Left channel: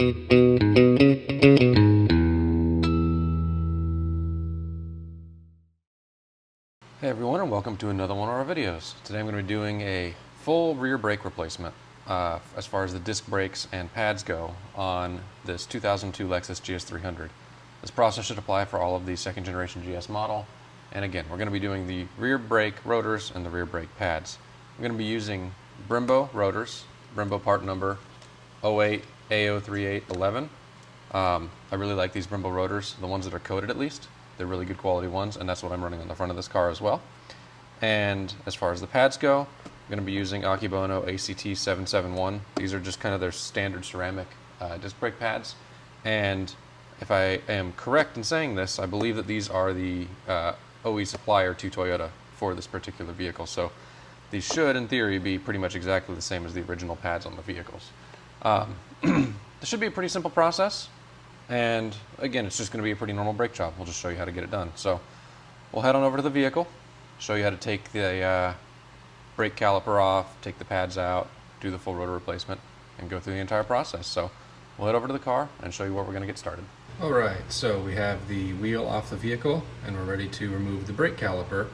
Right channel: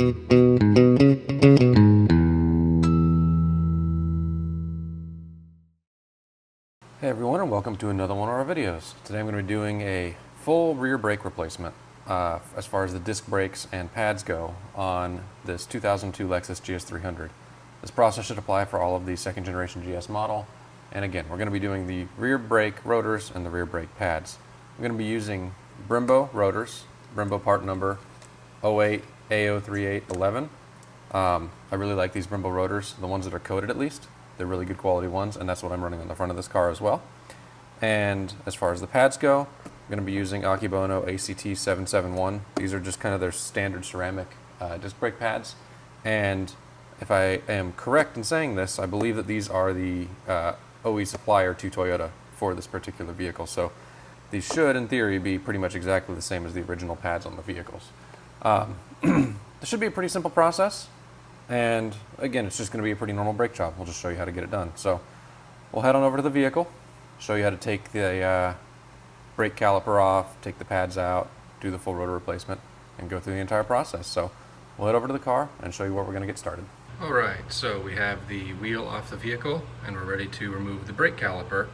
Hey everyone, and welcome to another one of our videos. Today I'm going to be doing a full rear brake replacement as far as the disc brakes and pads go on this 2002 Lexus GS300. This process should apply for all of the second generation GS model. And again, we're going to be doing the rear brake rotors and the rear brake pads. I'm going to be using Brembo rotors, Brembo part number 08A03811. I really like these Brembo rotors, the ones that are coated at least. They're really good quality ones, and that's what I'm running on the front of this car as well. And as far as the pads go, I'm going to be using Akebono ACT771. These are just kind of their standard ceramic disc brake pads. And if I am correct in saying this, I believe that these are the OE supplier to Toyota for this particular vehicle. So these should, in theory, be pretty much exactly the same as the original pads on the vehicles. This should be a pretty simple process. And again, it's just going to be a pretty normal brake job. We'll just show you how to get it done. So we'll head on over to the vehicle, show you how to take the brake caliper off, take the pads out, do the full rotor replacement, and go through the entire process. So we'll head over to the car and show you where we're going to get started. Alright, so we have the wheel off the vehicle and we're ready to remove the brake caliper.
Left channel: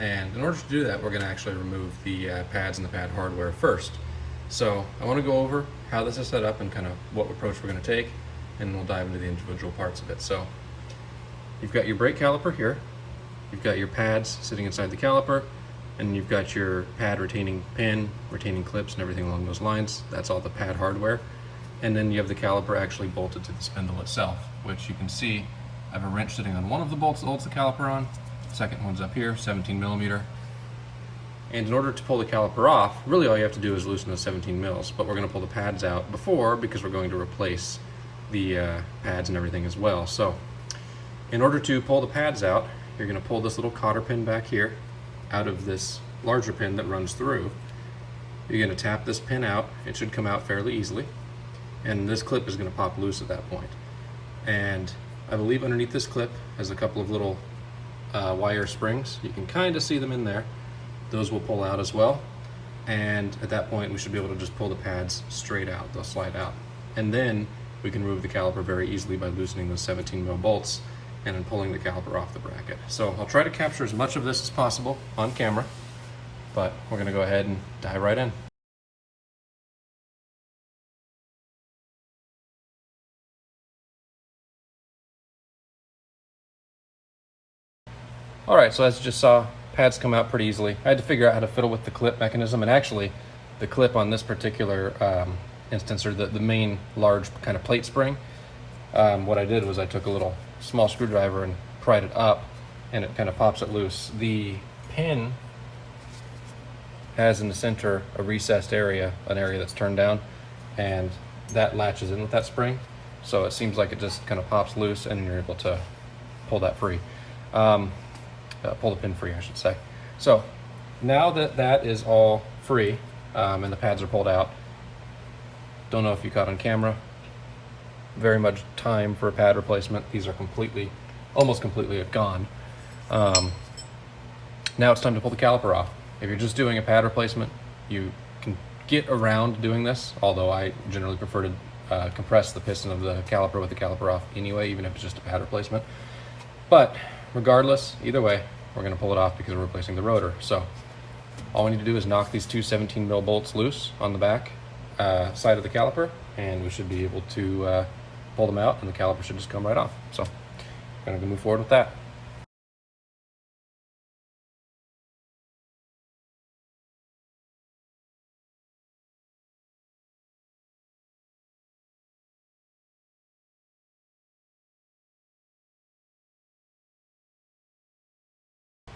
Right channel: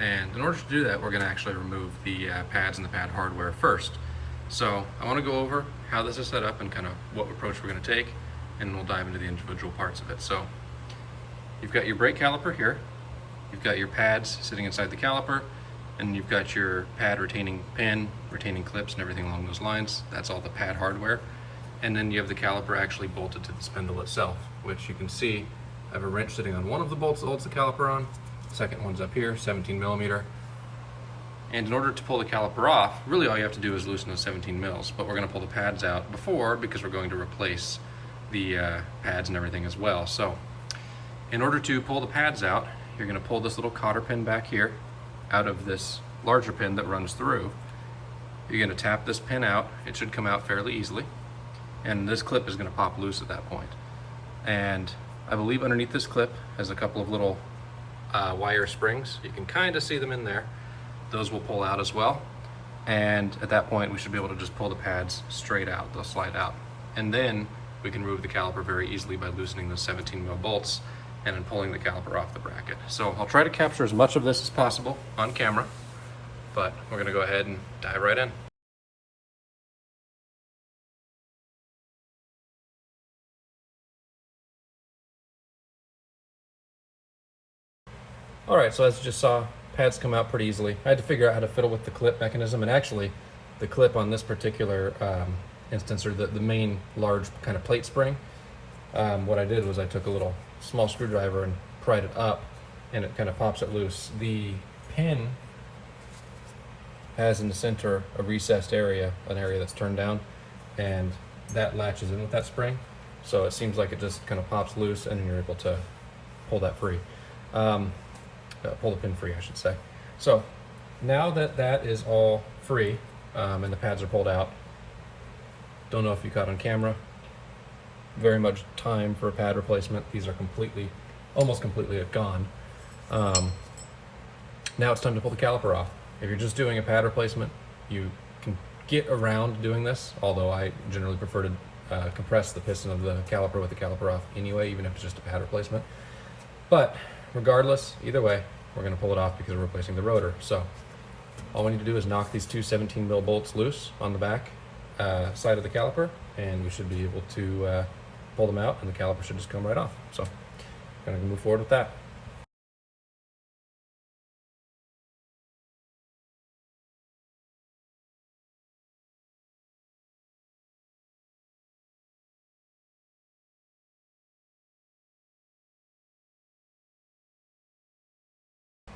And in order to do that, we're going to actually remove the pads and the pad hardware first. So I want to go over how this is set up and kind of what approach we're going to take, and we'll dive into the individual parts of it. So you've got your brake caliper here, you've got your pads sitting inside the caliper, and you've got your pad retaining pin, retaining clips, and everything along those lines. That's all the pad hardware. And then you have the caliper actually bolted to the spindle itself, which you can see I have a wrench sitting on one of the bolts that holds the caliper on. The second one's up here, 17 millimeter. And in order to pull the caliper off, really all you have to do is loosen those 17 mils, but we're going to pull the pads out before because we're going to replace the pads and everything as well. So in order to pull the pads out, you're going to pull this little cotter pin back here out of this larger pin that runs through. You're going to tap this pin out. It should come out fairly easily, and this clip is going to pop loose at that point. And I believe underneath this clip has a couple of little wire springs. You can kind of see them in there. Those will pull out as well, and at that point we should be able to just pull the pads straight out. They'll slide out, and then we can remove the caliper very easily by loosening those 17 mil bolts and then pulling the caliper off the bracket. So I'll try to capture as much of this as possible on camera, but we're going to go ahead and dive right in. Alright, so as you just saw, pads come out pretty easily. I had to figure out how to fiddle with the clip mechanism, and actually the clip on this particular instance, or the main large kind of plate spring, what I did was I took a little small screwdriver and pried it up, and it kind of pops it loose. The pin has in the center a recessed area, an area that's turned down, and that latches in with that spring, so it seems like it just kind of pops loose and you're able to pull that free. Pull the pin free, I should say. So now that that is all free and the pads are pulled out, don't know if you caught on camera, very much time for a pad replacement. These are almost completely gone. Now it's time to pull the caliper off. If you're just doing a pad replacement, you can get around doing this, although I generally prefer to compress the piston of the caliper with the caliper off anyway, even if it's just a pad replacement. But regardless, either way, we're going to pull it off because we're replacing the rotor. So all we need to do is knock these two 17 mil bolts loose on the back side of the caliper, and we should be able to pull them out, and the caliper should just come right off. So we're going to move forward with that.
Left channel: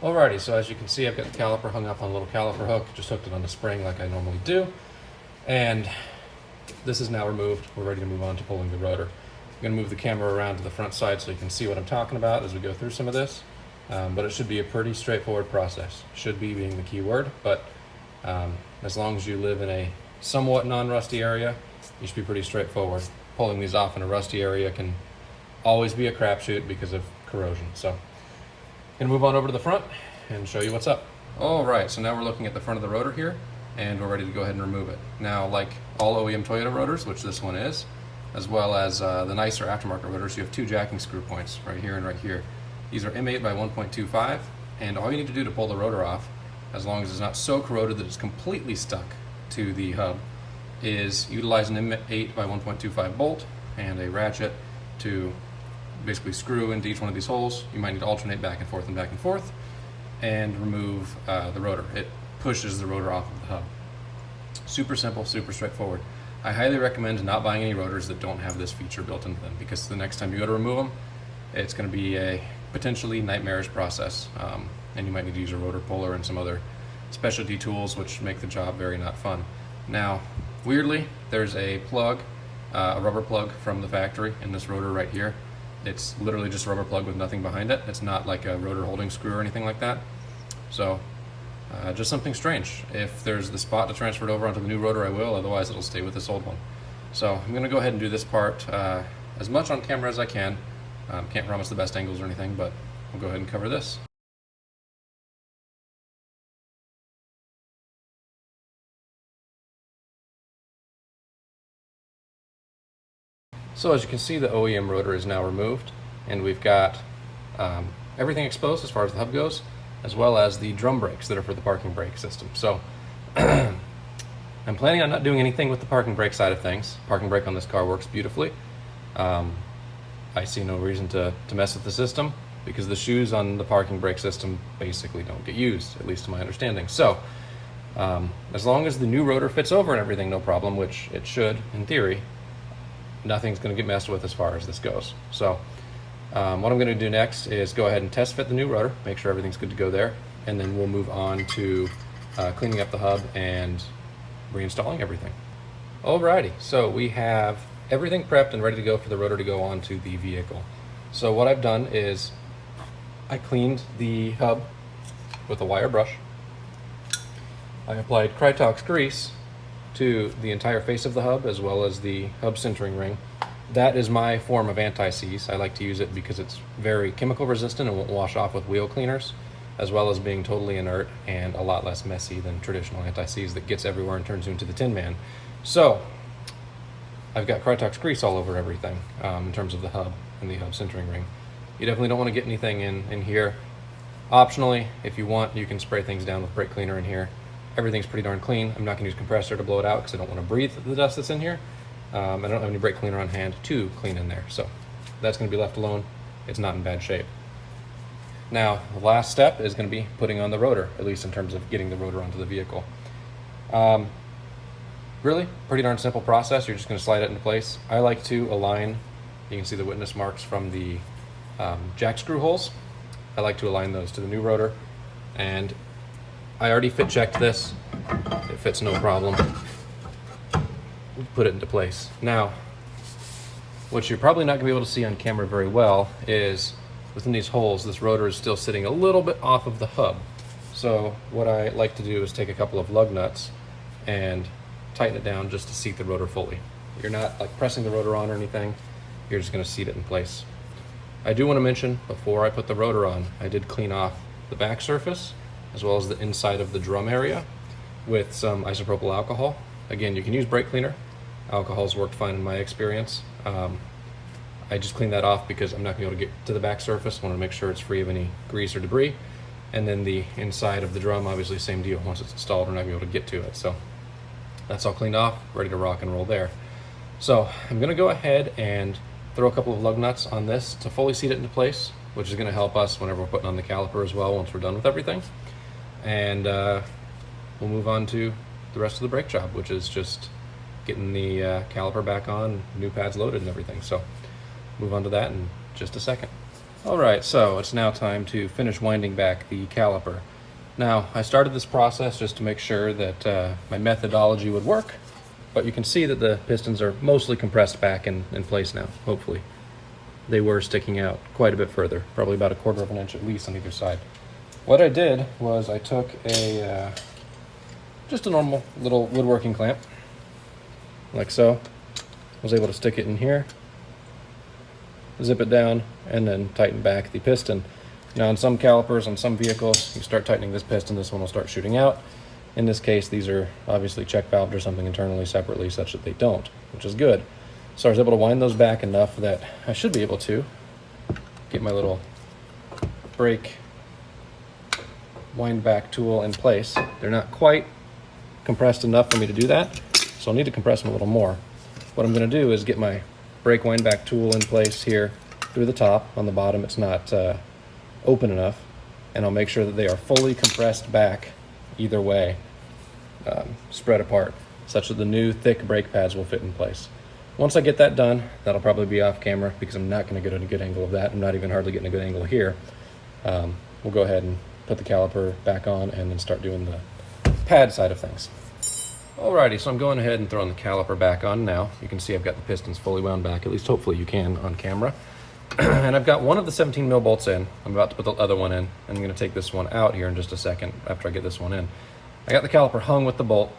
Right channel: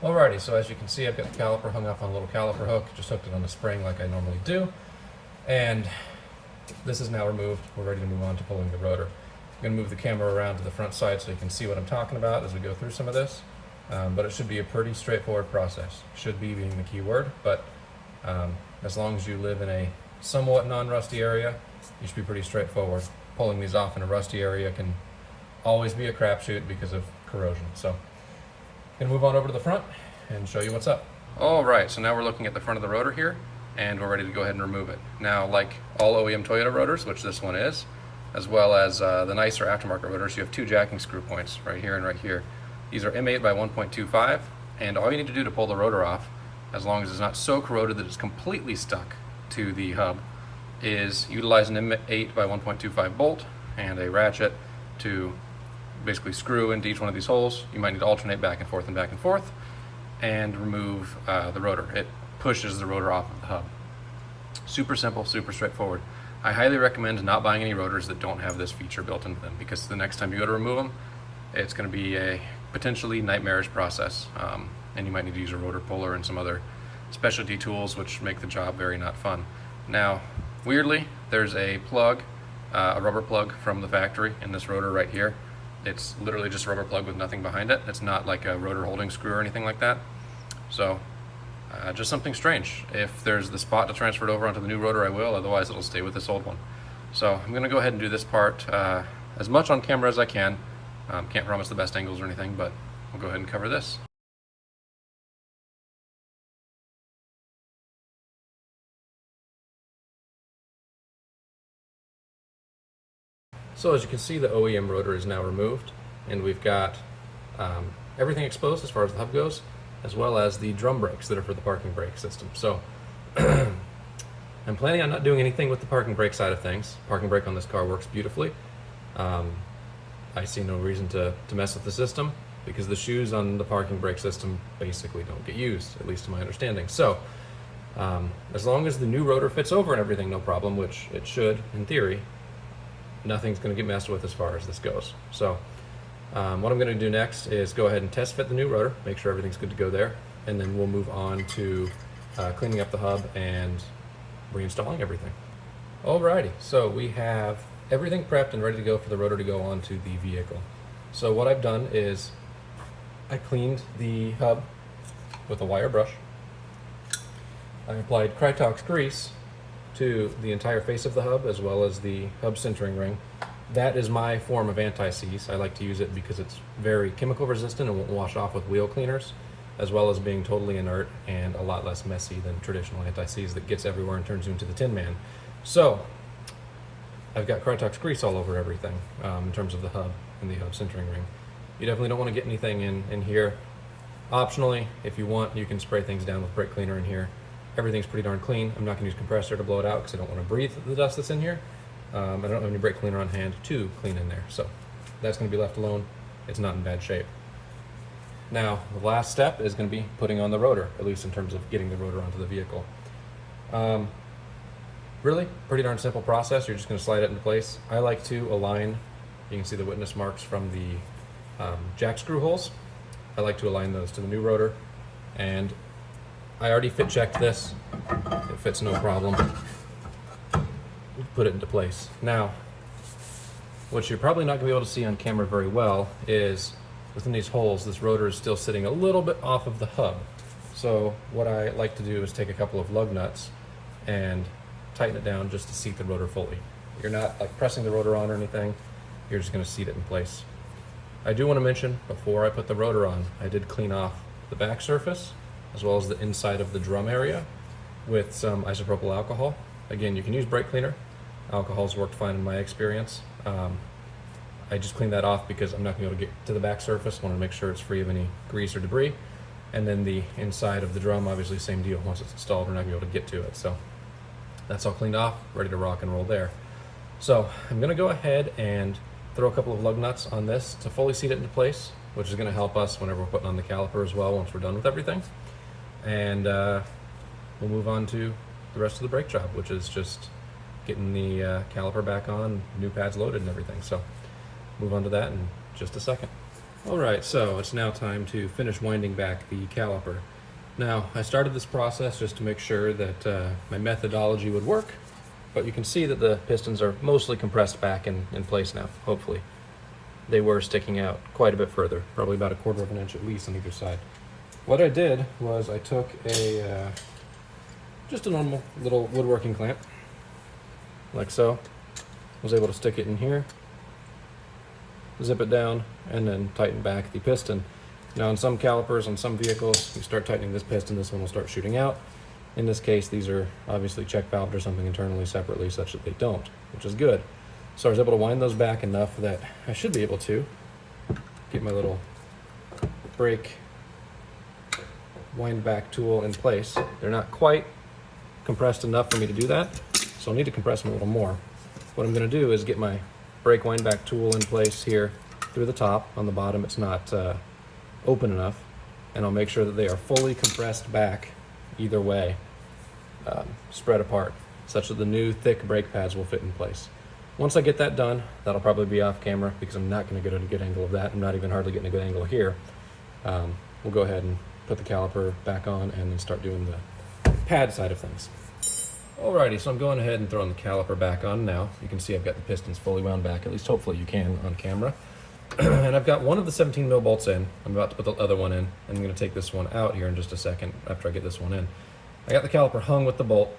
Alrighty, so as you can see, I've got the caliper hung up on a little caliper hook, just hooked it on the spring like I normally do. And this is now removed. We're ready to move on to pulling the rotor. I'm going to move the camera around to the front side so you can see what I'm talking about as we go through some of this. But it should be a pretty straightforward process. Should be being the key word, but as long as you live in a somewhat non-rusty area, you should be pretty straightforward. Pulling these off in a rusty area can always be a crapshoot because of corrosion. So I'm going to move on over to the front and show you what's up. All right, so now we're looking at the front of the rotor here, and we're ready to go ahead and remove it. Now, like all OEM Toyota rotors, which this one is, as well as the nicer aftermarket rotors. You have two jacking screw points right here and right here. These are M8 by 1.25, and all you need to do to pull the rotor off, as long as it's not so corroded that it's completely stuck to the hub, is utilize an M8 by 1.25 bolt and a ratchet to basically screw into each one of these holes. You might need to alternate back and forth, and remove the rotor. It pushes the rotor off of the hub. Super simple, super straightforward. I highly recommend not buying any rotors that don't have this feature built into them, because the next time you go to remove them, it's going to be a potentially nightmarish process, and you might need to use a rotor puller and some other specialty tools which make the job very not fun. Now, weirdly, there's a plug, a rubber plug from the factory in this rotor right here. It's literally just a rubber plug with nothing behind it. It's not like a rotor holding screw or anything like that. So just something strange. If there's the spot to transfer it over onto the new rotor, I will. Otherwise, it'll stay with this old one. So I'm going to go ahead and do this part as much on camera as I can. Can't promise the best angles or anything, but we'll go ahead and cover this. So as you can see, the OEM rotor is now removed, and we've got everything exposed as far as the hub goes, as well as the drum brakes that are for the parking brake system. So I'm planning on not doing anything with the parking brake side of things. Parking brake on this car works beautifully. I see no reason to mess with the system, because the shoes on the parking brake system basically don't get used, at least to my understanding. So as long as the new rotor fits over and everything, no problem, which it should in theory, nothing's going to get messed with as far as this goes. So what I'm going to do next is go ahead and test fit the new rotor, make sure everything's good to go there, and then we'll move on to cleaning up the hub and reinstalling everything. Alrighty, so we have everything prepped and ready to go for the rotor to go onto the vehicle. So what I've done is I cleaned the hub with a wire brush. I applied Krytox grease to the entire face of the hub, as well as the hub centering ring. That is my form of anti-seize. I like to use it because it's very chemical resistant and won't wash off with wheel cleaners, as well as being totally inert and a lot less messy than traditional anti-seize that gets everywhere and turns you into the Tin Man. So I've got Krytox grease all over everything in terms of the hub and the hub centering ring. You definitely don't want to get anything in here. Optionally, if you want, you can spray things down with brake cleaner in here. Everything's pretty darn clean. I'm not going to use compressor to blow it out because I don't want to breathe the dust that's in here. I don't have any brake cleaner on hand to clean in there, so that's going to be left alone. It's not in bad shape. Now, the last step is going to be putting on the rotor, at least in terms of getting the rotor onto the vehicle. Really, pretty darn simple process. You're just going to slide it into place. I like to align, you can see the witness marks from the jack screw holes. I like to align those to the new rotor, and I already fit checked this. It fits no problem. Put it into place. Now, what you're probably not going to be able to see on camera very well is within these holes, this rotor is still sitting a little bit off of the hub. So what I like to do is take a couple of lug nuts and tighten it down just to seat the rotor fully. You're not like pressing the rotor on or anything. You're just going to seat it in place. I do want to mention, before I put the rotor on, I did clean off the back surface as well as the inside of the drum area with some isopropyl alcohol. Again, you can use brake cleaner. Alcohol's worked fine in my experience. I just cleaned that off because I'm not going to be able to get to the back surface. I want to make sure it's free of any grease or debris. And then the inside of the drum, obviously same deal. Once it's installed, we're not going to be able to get to it. So that's all cleaned off, ready to rock and roll there. So I'm going to go ahead and throw a couple of lug nuts on this to fully seat it into place, which is going to help us whenever we're putting on the caliper as well once we're done with everything. And we'll move on to the rest of the brake job, which is just getting the caliper back on, new pads loaded and everything. So move on to that in just a second. All right, so it's now time to finish winding back the caliper. Now, I started this process just to make sure that my methodology would work, but you can see that the pistons are mostly compressed back in place now, hopefully. They were sticking out quite a bit further, probably about 1/4 of an inch at least on either side. What I did was I took just a normal little woodworking clamp, like so. Was able to stick it in here, zip it down, and then tighten back the piston. Now on some calipers, on some vehicles, you start tightening this piston, this one will start shooting out. In this case, these are obviously check valved or something internally separately such that they don't, which is good. So I was able to wind those back enough that I should be able to get my little brake wind back tool in place. They're not quite compressed enough for me to do that, so I'll need to compress them a little more. What I'm going to do is get my brake wind back tool in place here through the top. On the bottom it's not open enough, and I'll make sure that they are fully compressed back either way, spread apart, such that the new thick brake pads will fit in place. Once I get that done, that'll probably be off camera because I'm not going to get a good angle of that. I'm not even hardly getting a good angle here. We'll go ahead and put the caliper back on and then start doing the pad side of things. Alrighty, so I'm going ahead and throwing the caliper back on now. You can see I've got the pistons fully wound back, at least hopefully you can on camera. And I've got one of the 17 mil bolts in. I'm about to put the other one in, and I'm going to take this one out here in just a second after I get this one in. I got the caliper hung with the bolt,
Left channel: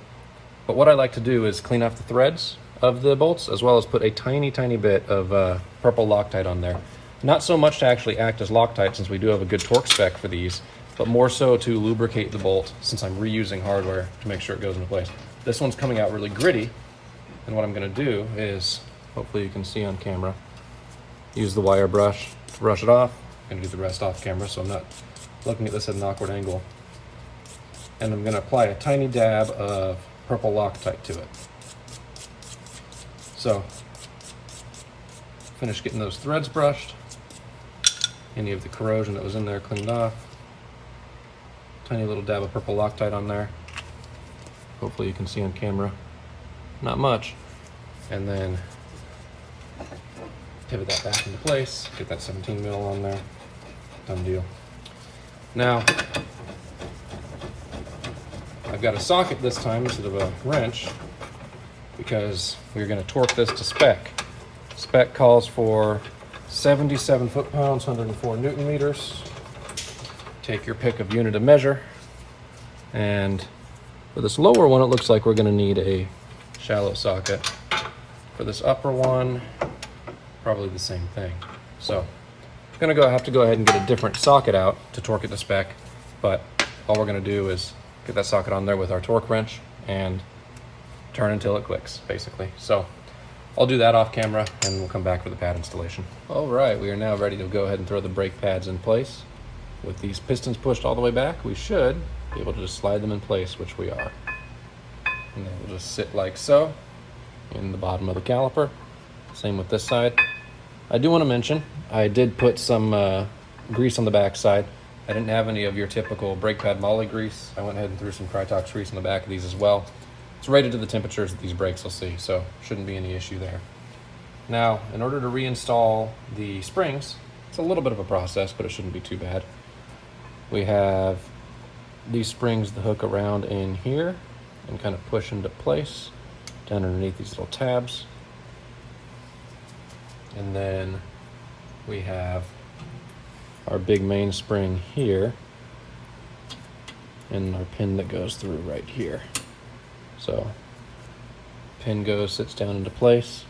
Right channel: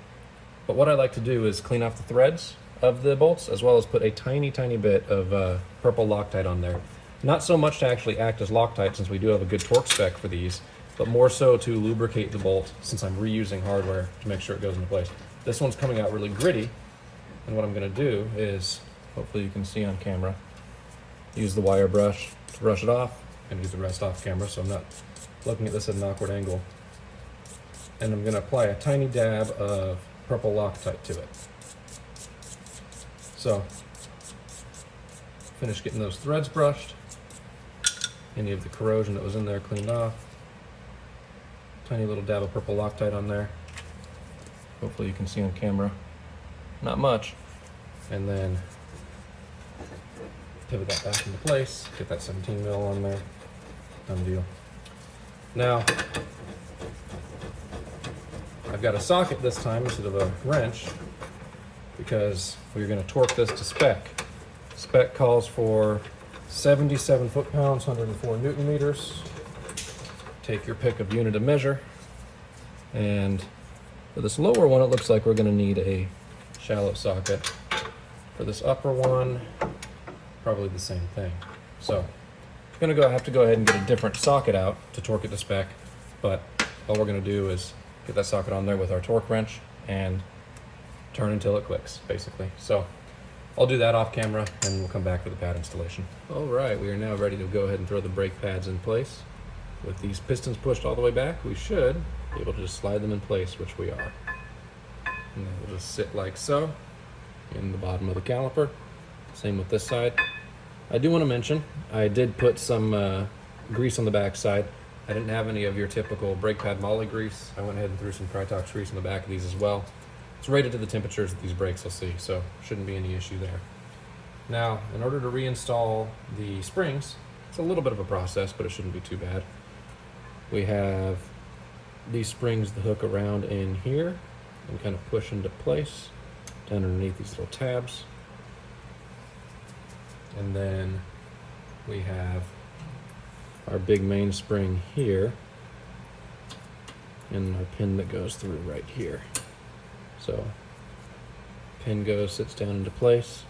but what I like to do is clean off the threads of the bolts, as well as put a tiny bit of purple Loctite on there. Not so much to actually act as Loctite, since we do have a good torque spec for these, but more so to lubricate the bolt, since I'm reusing hardware to make sure it goes into place. This one's coming out really gritty, and what I'm going to do is, hopefully you can see on camera, use the wire brush to brush it off. I'm going to do the rest off camera so I'm not looking at this at an awkward angle. And I'm going to apply a tiny dab of purple Loctite to it. So, finish getting those threads brushed, any of the corrosion that was in there cleaned off. Tiny little dab of purple Loctite on there. Hopefully you can see on camera. Not much. And then pivot that back into place, get that 17 mil on there. Done deal. Now, I've got a socket this time instead of a wrench, because we're going to torque this to spec. Spec calls for 77 foot-pounds, 104 Newton meters. Take your pick of unit of measure. And for this lower one, it looks like we're going to need a shallow socket. For this upper one, probably the same thing. So I'm going to have to go ahead and get a different socket out to torque it to spec, but all we're going to do is get that socket on there with our torque wrench and turn until it clicks, basically. So I'll do that off camera and we'll come back for the pad installation. All right, we are now ready to go ahead and throw the brake pads in place. With these pistons pushed all the way back, we should be able to just slide them in place, which we are. And they will just sit like so in the bottom of the caliper. Same with this side. I do want to mention, I did put some grease on the back side. I didn't have any of your typical brake pad moly grease. I went ahead and threw some Krytox grease on the back of these as well. It's rated to the temperatures that these brakes will see, so shouldn't be any issue there. Now, in order to reinstall the springs, it's a little bit of a process, but it shouldn't be too bad. We have these springs that hook around in here and kind of push into place down underneath these little tabs. And then we have our big main spring here and our pin that goes through right here. So pin goes, sits down into place.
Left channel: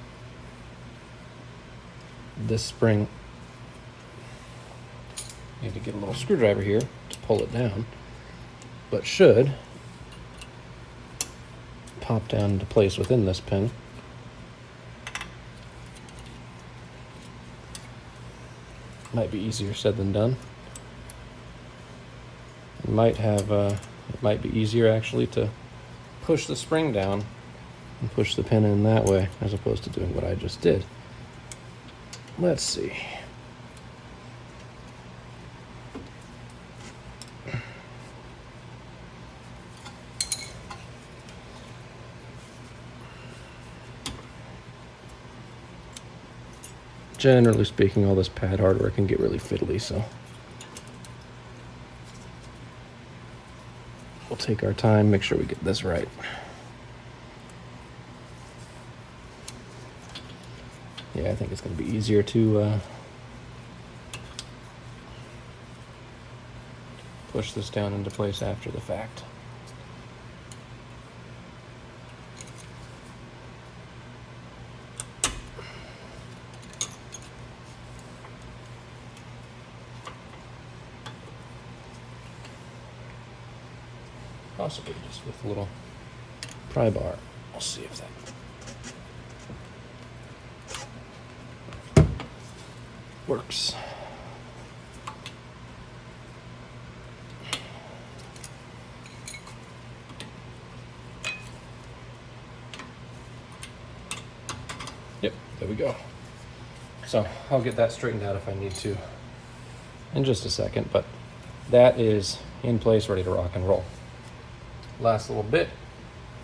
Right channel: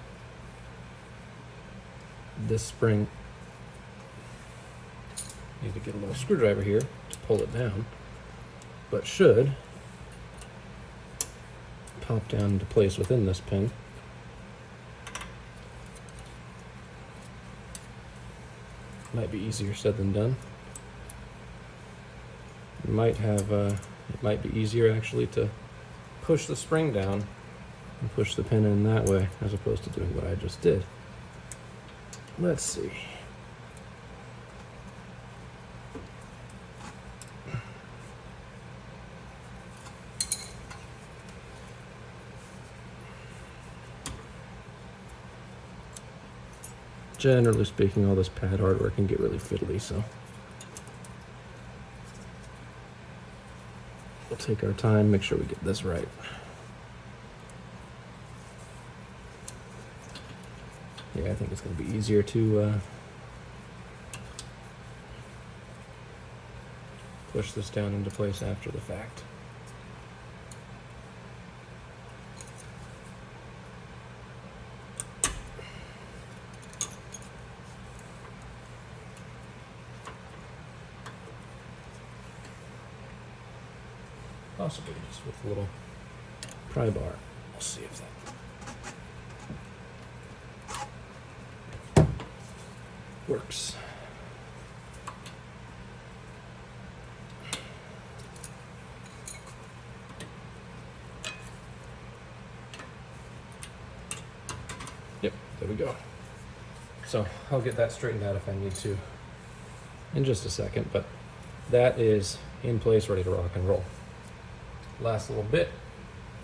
This spring, need to get a little screwdriver here to pull it down, but should pop down into place within this pin. Might be easier said than done. It might be easier actually to push the spring down and push the pin in that way as opposed to doing what I just did. Let's see. Generally speaking, all this pad hardware can get really fiddly, so we'll take our time, make sure we get this right. Yeah, I think it's going to be easier to push this down into place after the fact. Possibly just with a little pry bar. We'll see if that works. Yep, there we go. So I'll get that straightened out if I need to in just a second, but that is in place, ready to rock and roll. Last little bit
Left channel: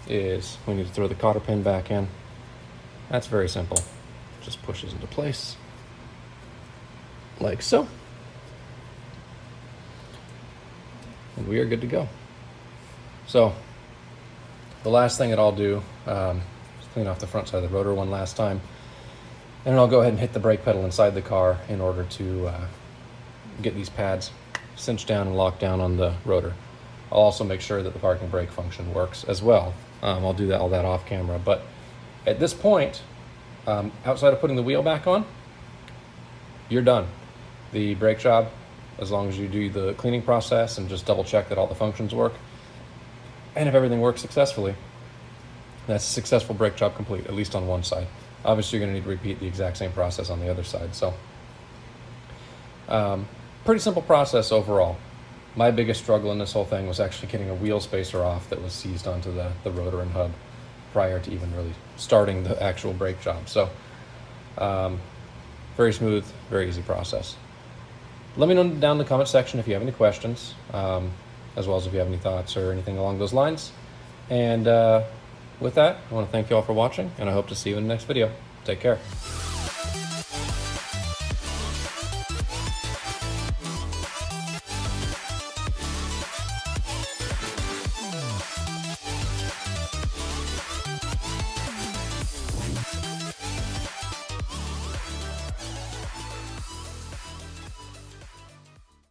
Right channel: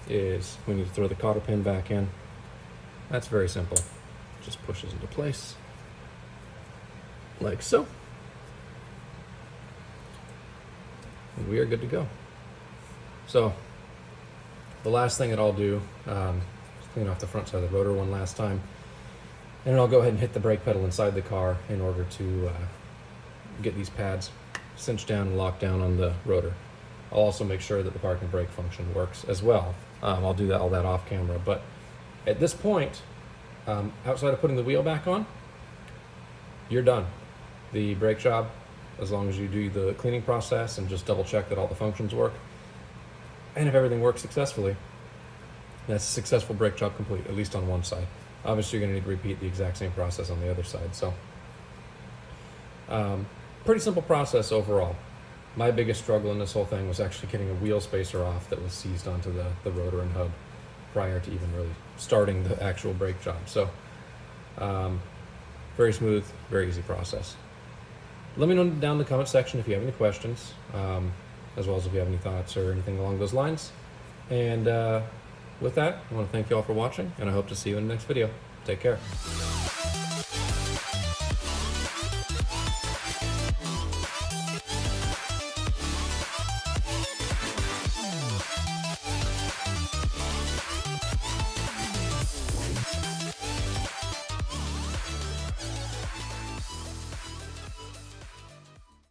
is we need to throw the cotter pin back in. That's very simple. Just pushes into place like so. And we are good to go. So the last thing that I'll do is clean off the front side of the rotor one last time. And I'll go ahead and hit the brake pedal inside the car in order to get these pads cinched down and locked down on the rotor. I'll also make sure that the parking brake function works as well. I'll do all that off camera, but at this point, outside of putting the wheel back on, you're done. The brake job, as long as you do the cleaning process and just double check that all the functions work, and if everything works successfully, that's a successful brake job complete, at least on one side. Obviously, you're going to need to repeat the exact same process on the other side. So, pretty simple process overall. My biggest struggle in this whole thing was actually getting a wheel spacer off that was seized onto the rotor and hub prior to even really starting the actual brake job. So, very smooth, very easy process. Let me know down in the comment section if you have any questions, as well as if you have any thoughts or anything along those lines. And with that, I want to thank you all for watching, and I hope to see you in the next video. Take care.